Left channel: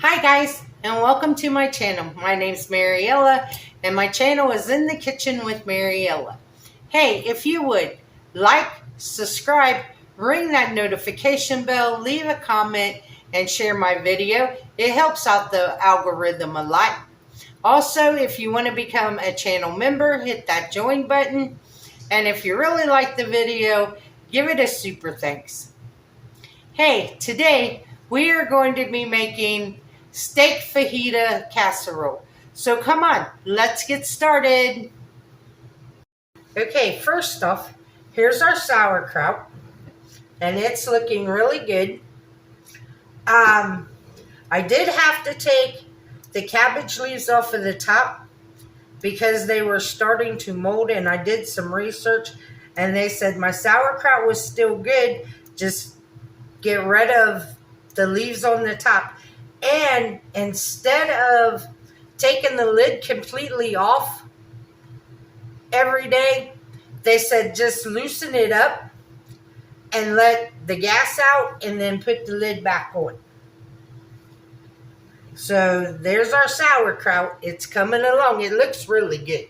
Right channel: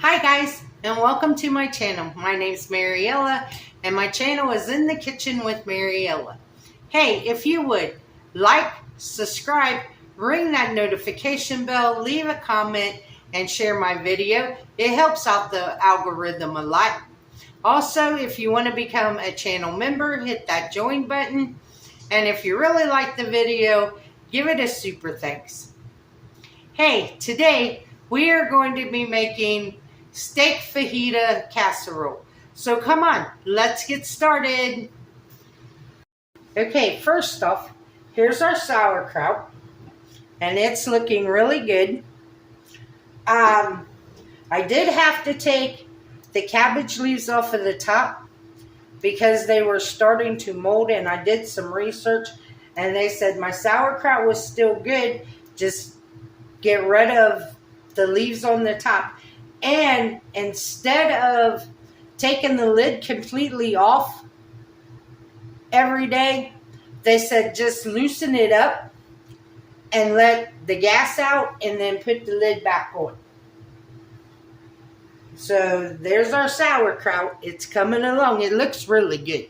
Hi guys, and welcome to my channel. My name's Mariella, and my channel is In the Kitchen with Mariella. Hey, if you would like, subscribe, ring that notification bell, leave a comment, and share my video. It helps out the algorithm a lot. Also, if you want to become a channel member, hit that join button. And if you really like the video, give it a super thanks. Hey, today we are going to be making steak fajita casserole. So come on, let's get started. Okay, first off, here's our sauerkraut, and it's looking really good. I did have to take the cabbage leaves off of the top because they were starting to mold, and I did some research, and they said my sauerkraut was still good, just get rid of the leaves on the top. And instead of taking the lid completely off every day, they said just loosen it up and let the gas out and then put the lid back on. So there's our sauerkraut. It's coming along. It looks really good.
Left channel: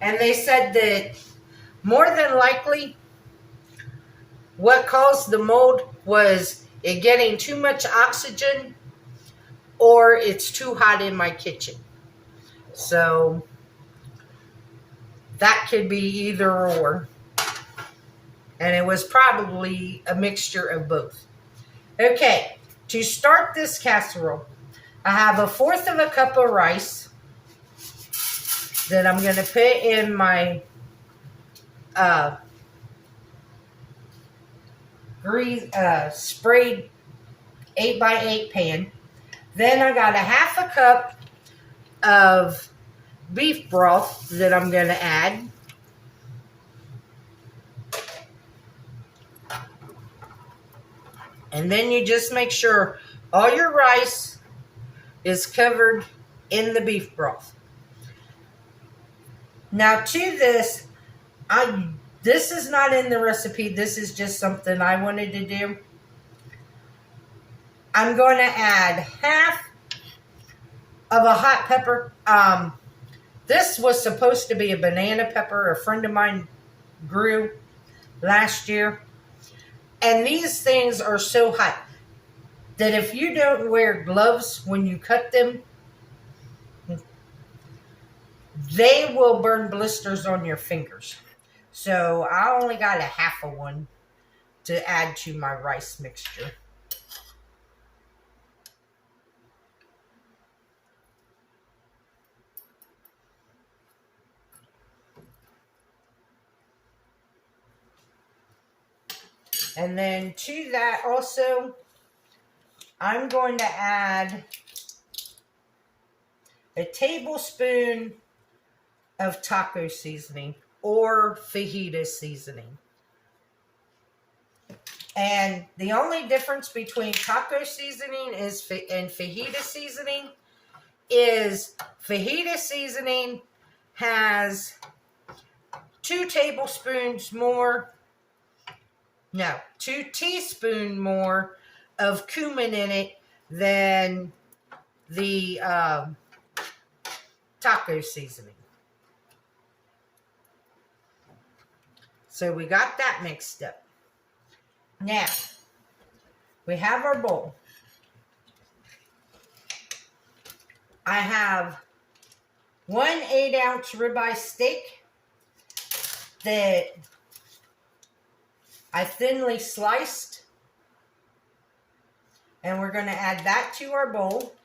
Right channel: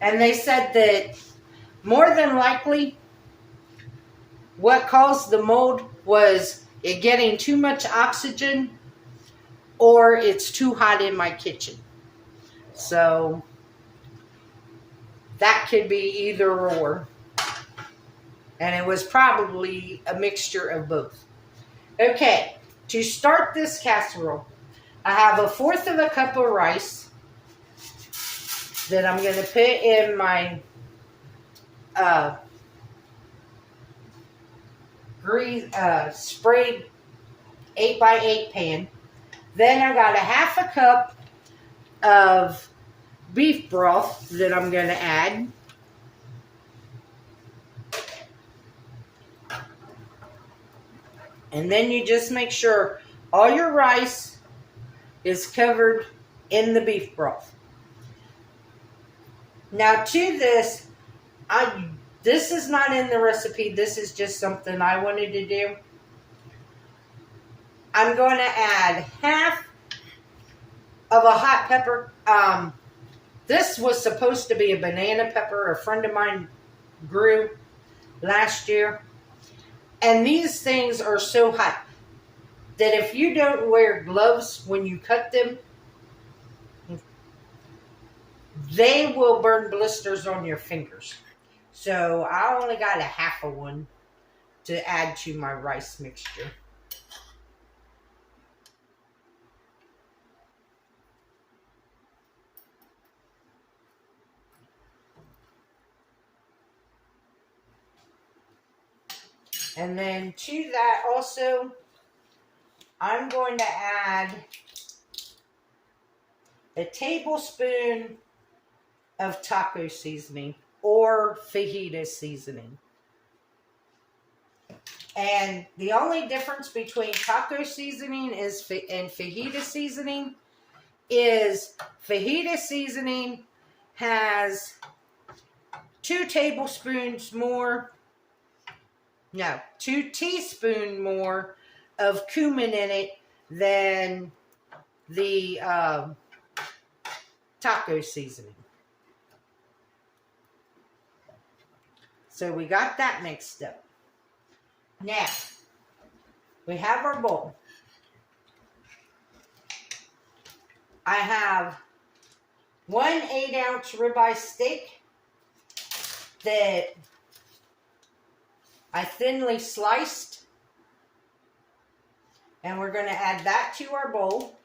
And they said that more than likely what caused the mold was it getting too much oxygen or it's too hot in my kitchen. So that could be either or. And it was probably a mixture of both. Okay, to start this casserole, I have 1/4 of a cup of rice that I'm going to put in my sprayed 8x8 pan. Then I got 1/2 cup of beef broth that I'm going to add. And then you just make sure all your rice is covered in the beef broth. Now to this, this is not in the recipe. This is just something I wanted to do. I'm going to add 1/2 of a hot pepper. This was supposed to be a banana pepper. A friend of mine grew last year. And these things are so hot that if you don't wear gloves when you cut them, they will burn blisters on your fingers. So I only got 1/2 of one to add to my rice mixture. And then to that also, I'm going to add a tablespoon of taco seasoning or fajita seasoning. And the only difference between taco seasoning and fajita seasoning is fajita seasoning has 2 teaspoons more of cumin in it than the taco seasoning. So we got that mixed up. Now, we have our bowl. I have 1 8-ounce ribeye steak that I thinly sliced, and we're going to add that to our bowl.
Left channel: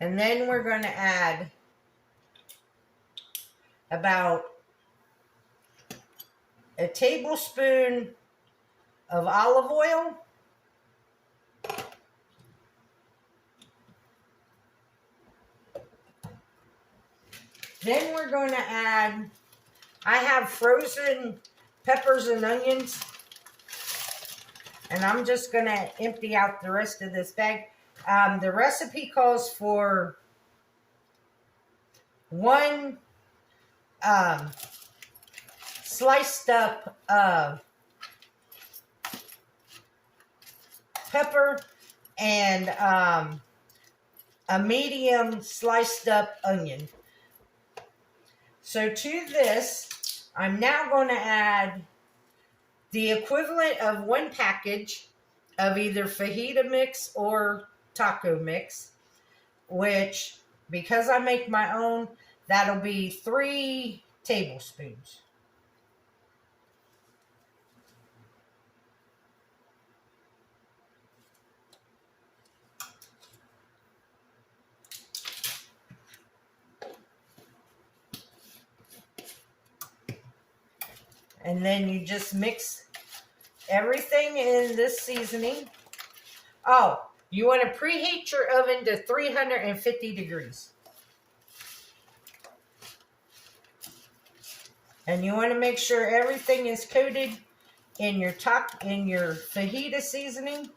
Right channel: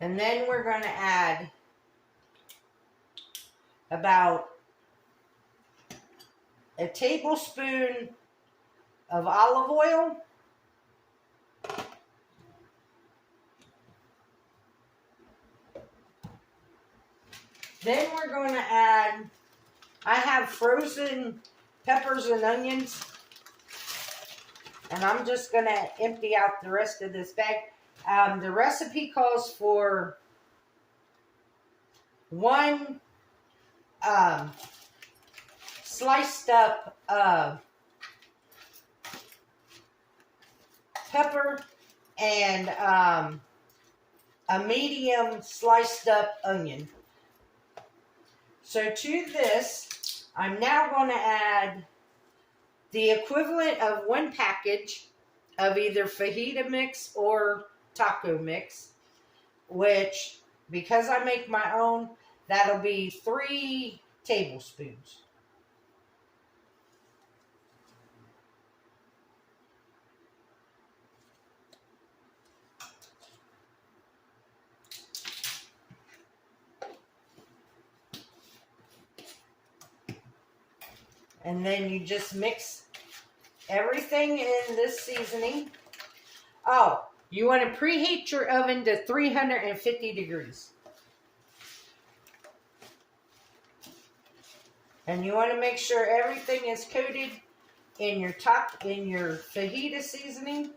And then we're going to add about a tablespoon of olive oil. Then we're going to add, I have frozen peppers and onions, and I'm just going to empty out the rest of this bag. The recipe calls for 1 sliced up pepper and a medium sliced up onion. So to this, I'm now going to add the equivalent of 1 package of either fajita mix or taco mix, which, because I make my own, that'll be 3 tablespoons. And then you just mix everything in this seasoning. Oh, you want to preheat your oven to 350 degrees. And you want to make sure everything is coated in your fajita seasoning.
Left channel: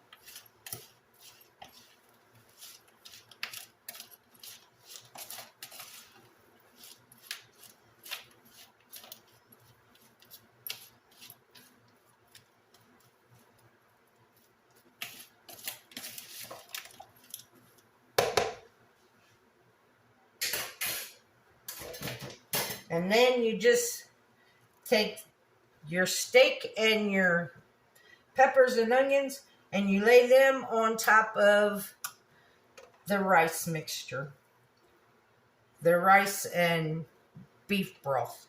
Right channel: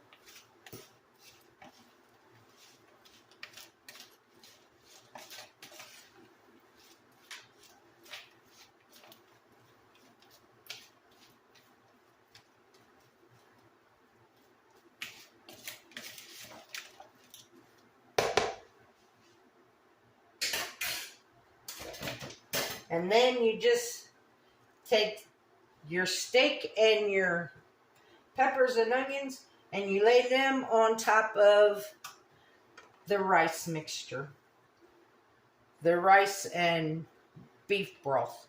And then you just take your steak and your peppers and onions and you lay them on top of the rice mixture. The rice and beef broth.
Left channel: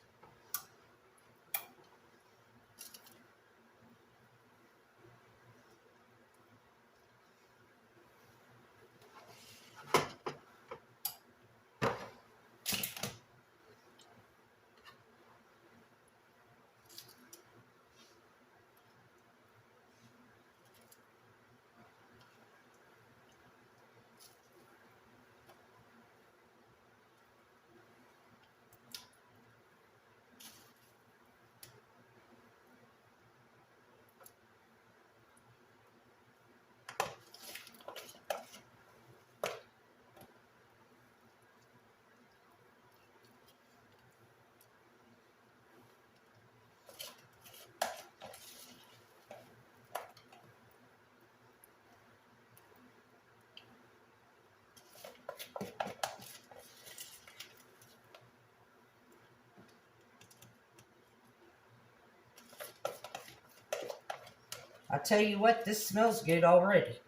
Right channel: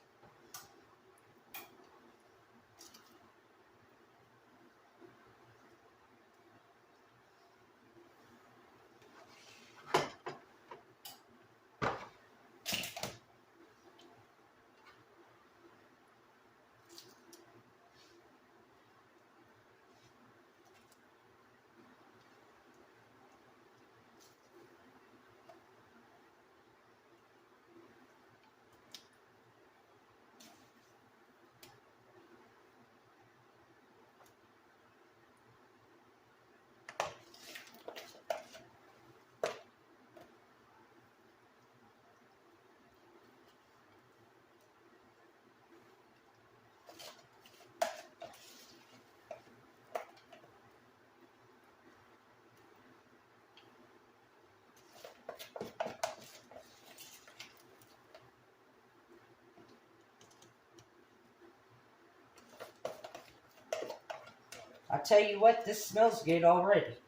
I tell you what, this smells good already.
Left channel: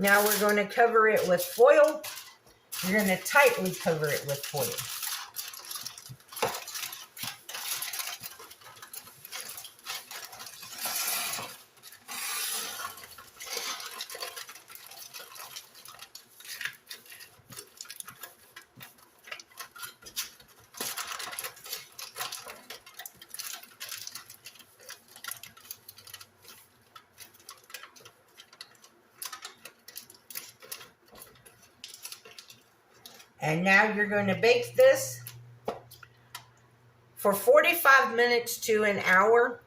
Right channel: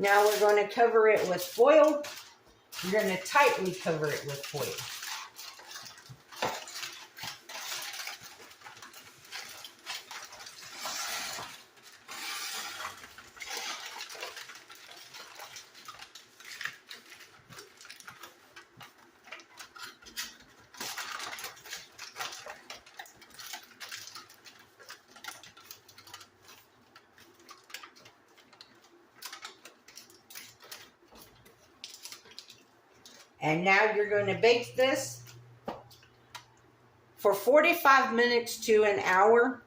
Now we're going to cover it with foil. You're going to tightly cover it with foil. And now you're going to bake this for 45 minutes to an hour.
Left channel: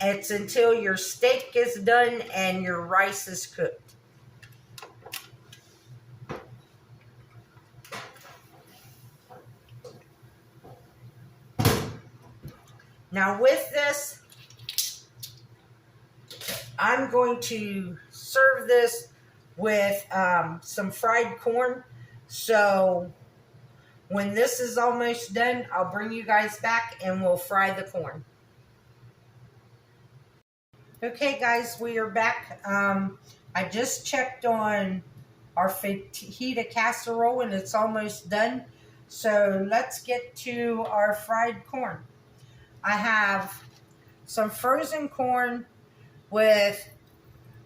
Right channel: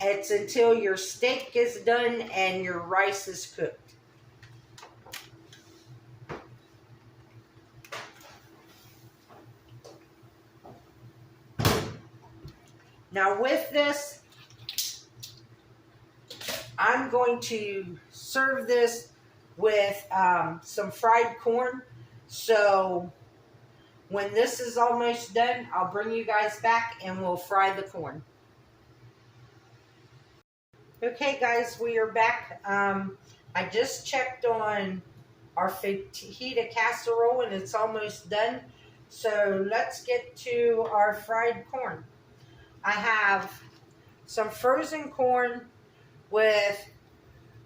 It's until your steak is done and your rice is cooked. Now with this, I'm going to serve this with some fried corn. So when this is almost done, I'll bring you guys back and we'll fry the corn. Okay guys, we are back. I just checked on our fajita casserole and it's almost done. So let's get to our fried corn. I have some frozen corn with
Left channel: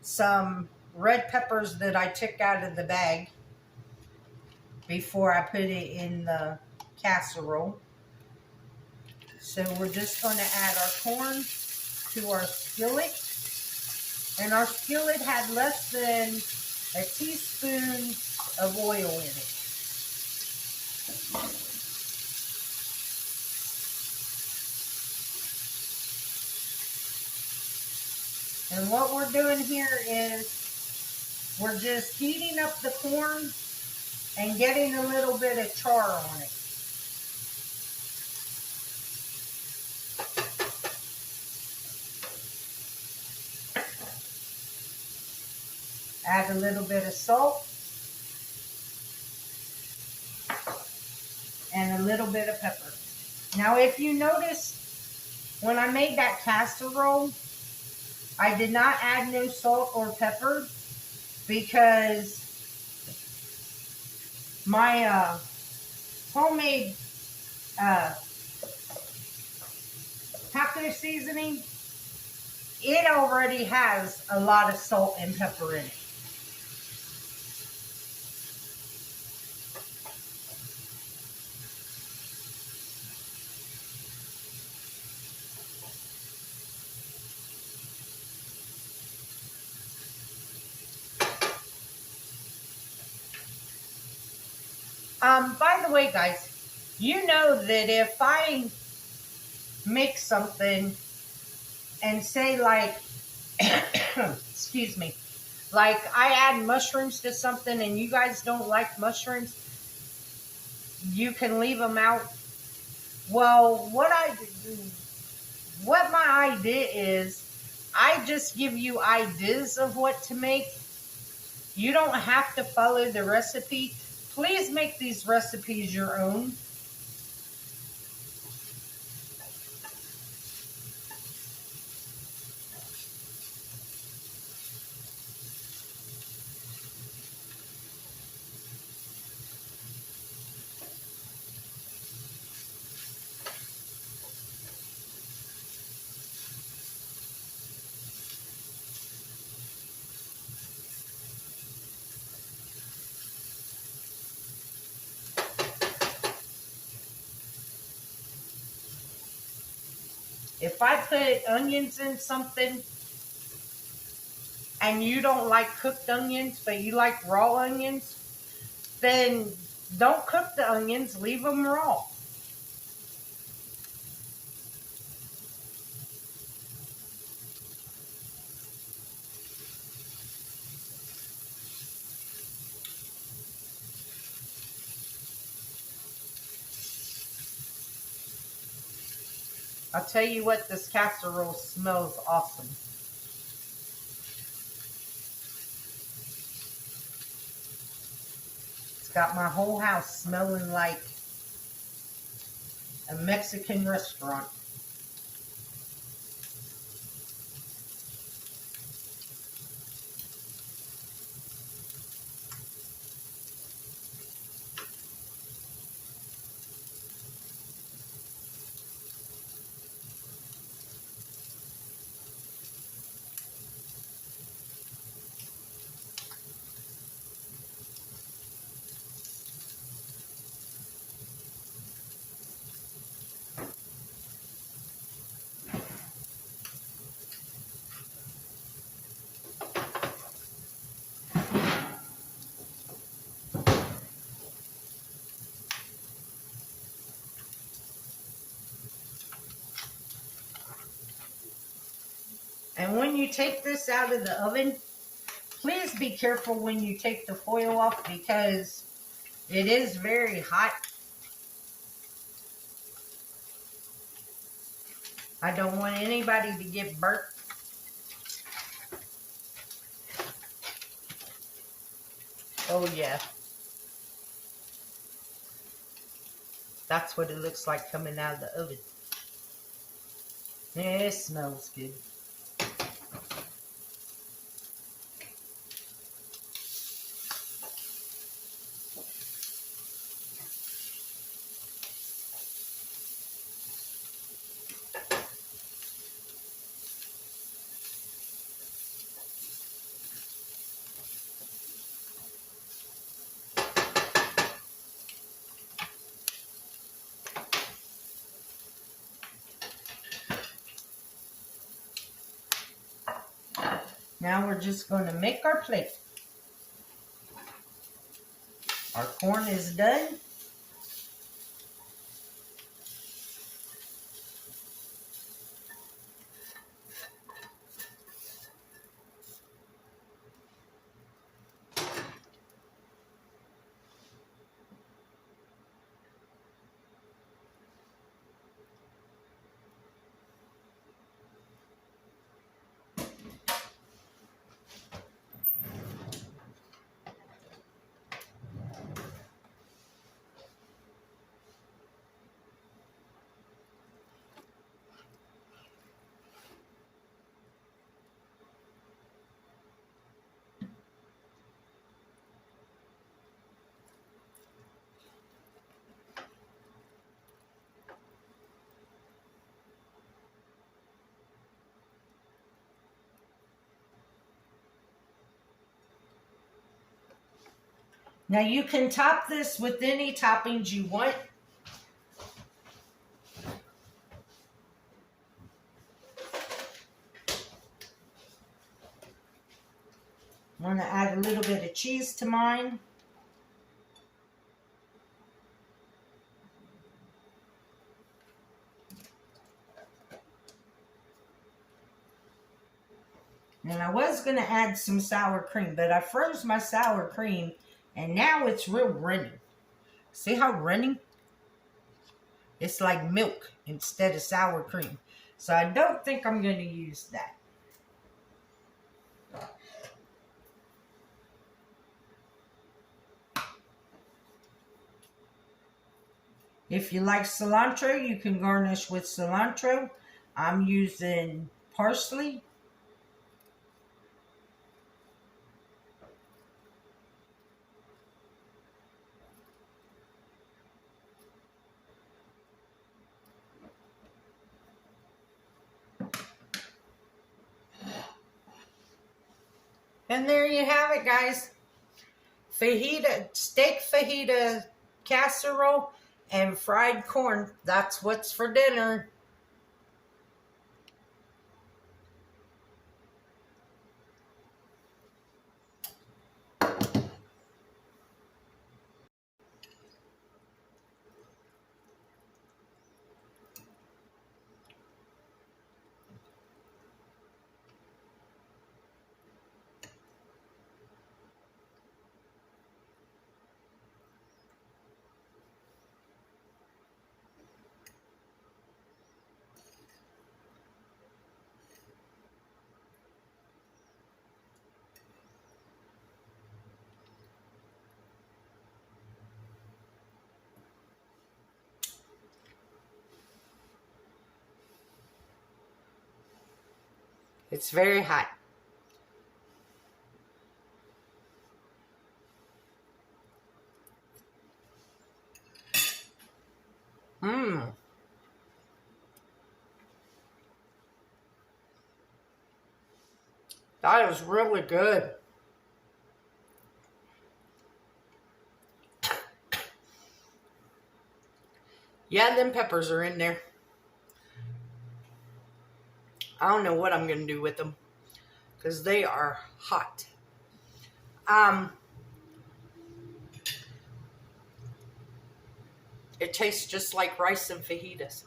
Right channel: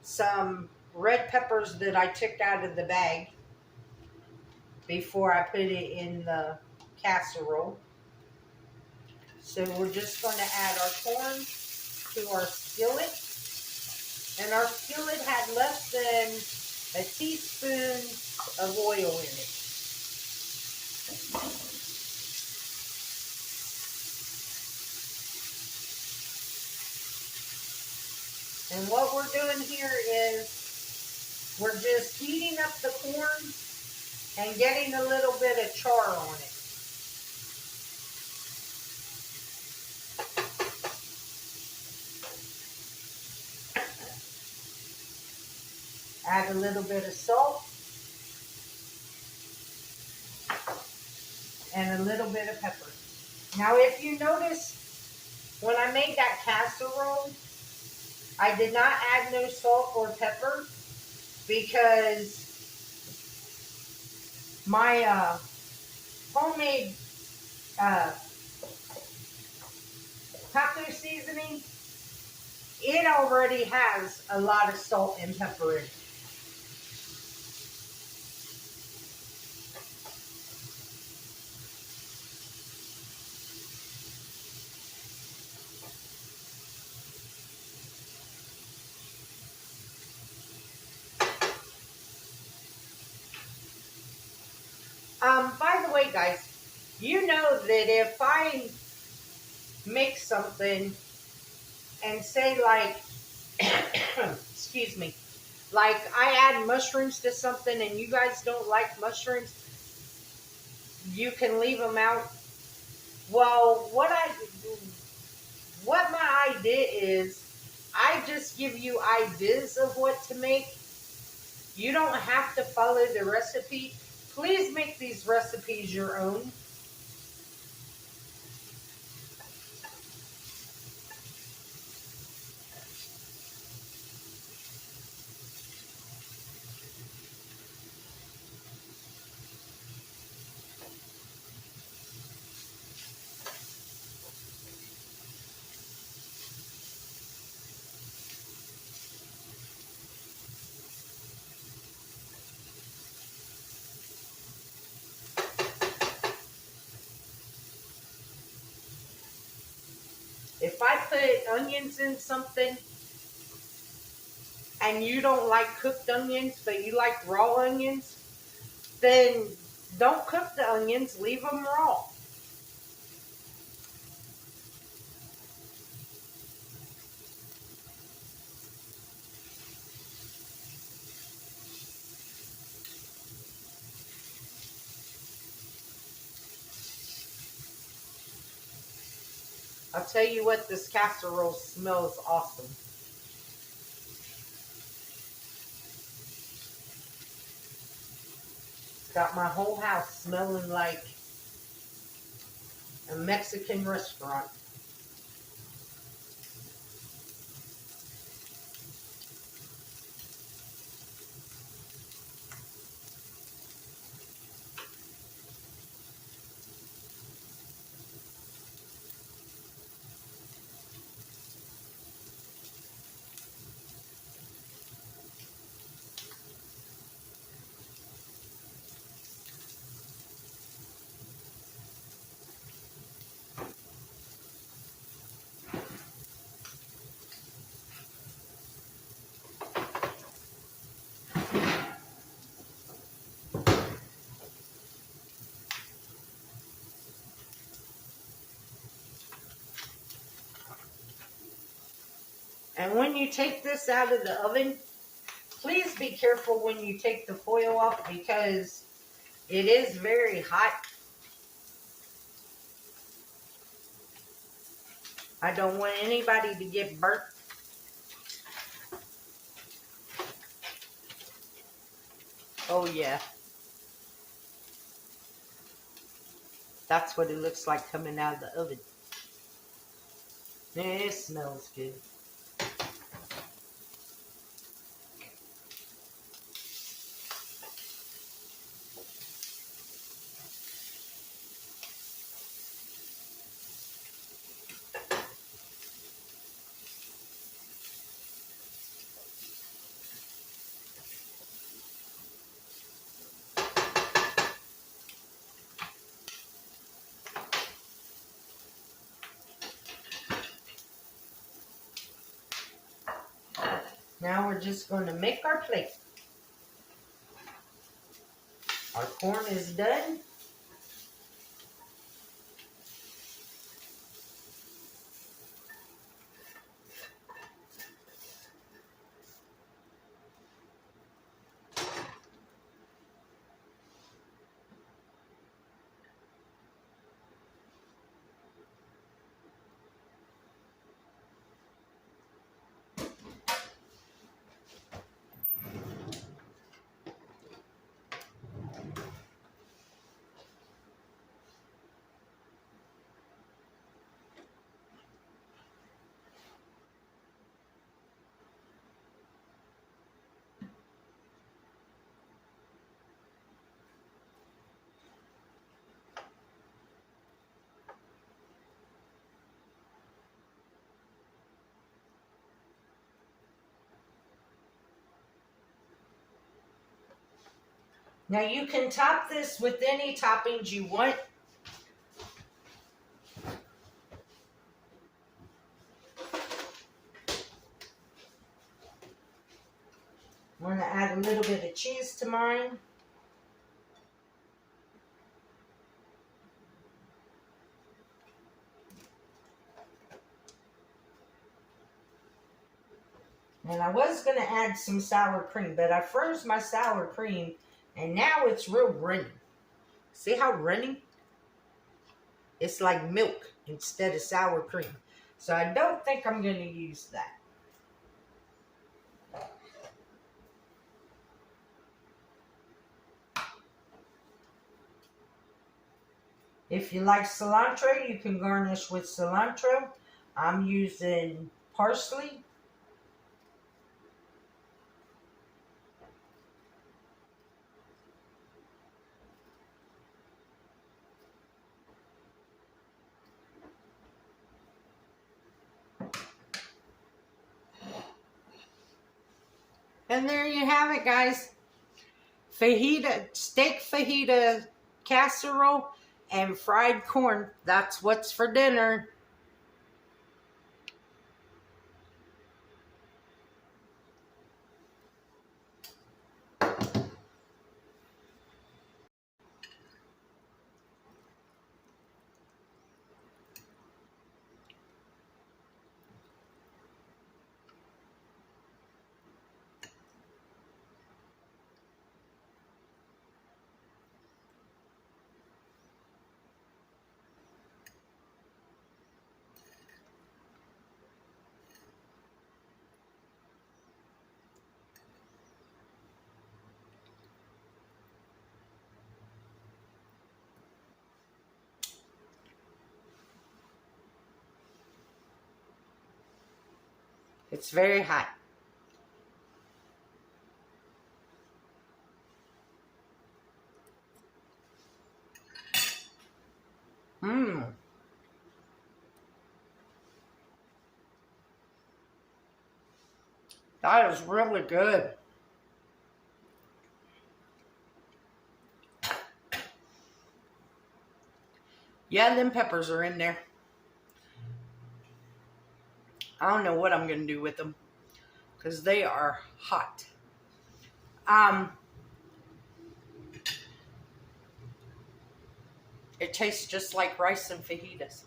some red peppers that I took out of the bag before I put it in the casserole. So we're just going to add our corn to our skillet. And our skillet had less than a teaspoon of oil in it. And what we're doing here is we're just heating up the corn and getting a little bit of char on it. Add a little bit of salt and a little bit of pepper. Now if you notice, when I made that casserole, I did not add no salt or pepper because my homemade taco seasoning, it already has a lot of salt and pepper in it. By the way, guys, you know that if I make something and say like, excuse me, like I add mushrooms to something and you guys don't like mushrooms, you can leave them out. Well, what my idea is, I just give you ideas of what to make. You don't have to follow the recipe. Please make these recipes your own. If I put onions in something and you don't like cooked onions, but you like raw onions, then don't cook the onions, leave them raw. I'll tell you what, this casserole smells awesome. It's got my whole house smelling like a Mexican restaurant. And when you take this out of the oven, please be careful when you take the foil off because it is very hot. I don't want anybody to get burnt. Oh yeah. That's what it looks like coming out of the oven. It smells good. Now we're just going to make our plate. Our corn is done. Now you can top this with any toppings you want. I'm going to add a little bit of cheese to mine. And I was going to add some sour cream, but I froze my sour cream, and now it's real runny. See how runny? It's like milk instead of sour cream. So I don't think I'm going to use that. If you like cilantro, you can garnish with cilantro. I'm using parsley. And there you have it, guys. Fajita, steak fajita casserole and fried corn. That's what's for dinner. It's very hot. Mmm. That is really good. Yeah, them peppers are in there. I don't know what I'm going to do with them because they are hot. It tastes just like rice and fajitas,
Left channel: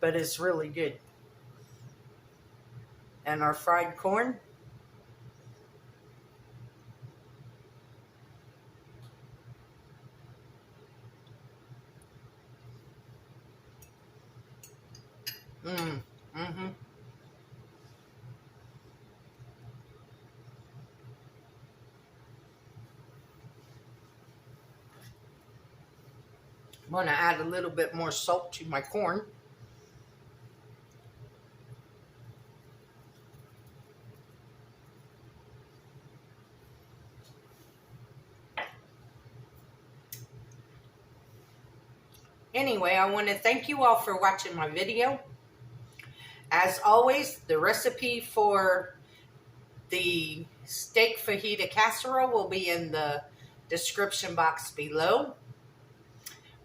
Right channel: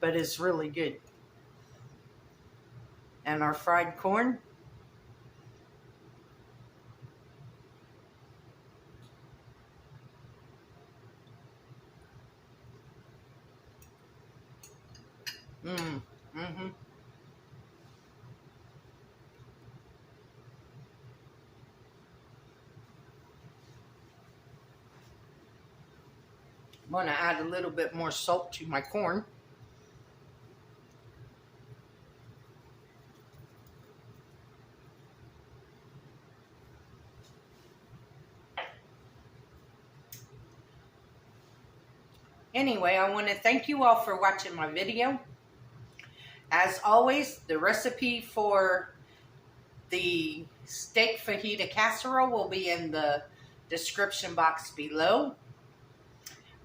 but it's really good. And our fried corn. Mm-hmm. I'm going to add a little bit more salt to my corn. Anyway, I want to thank you all for watching my video. As always, the recipe for the steak fajita casserole will be in the description box below.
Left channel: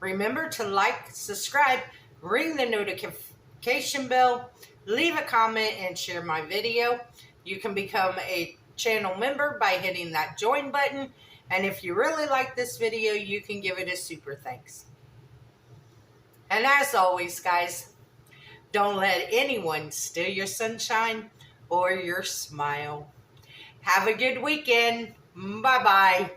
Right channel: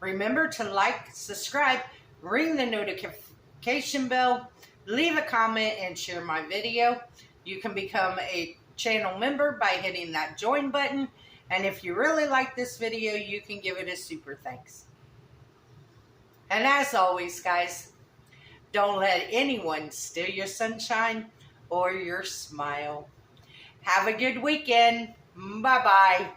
Remember to like, subscribe, ring the notification bell, leave a comment, and share my video. You can become a channel member by hitting that join button. And if you really like this video, you can give it a super thanks. And as always, guys, don't let anyone steal your sunshine or your smile. Have a good weekend. Bye-bye.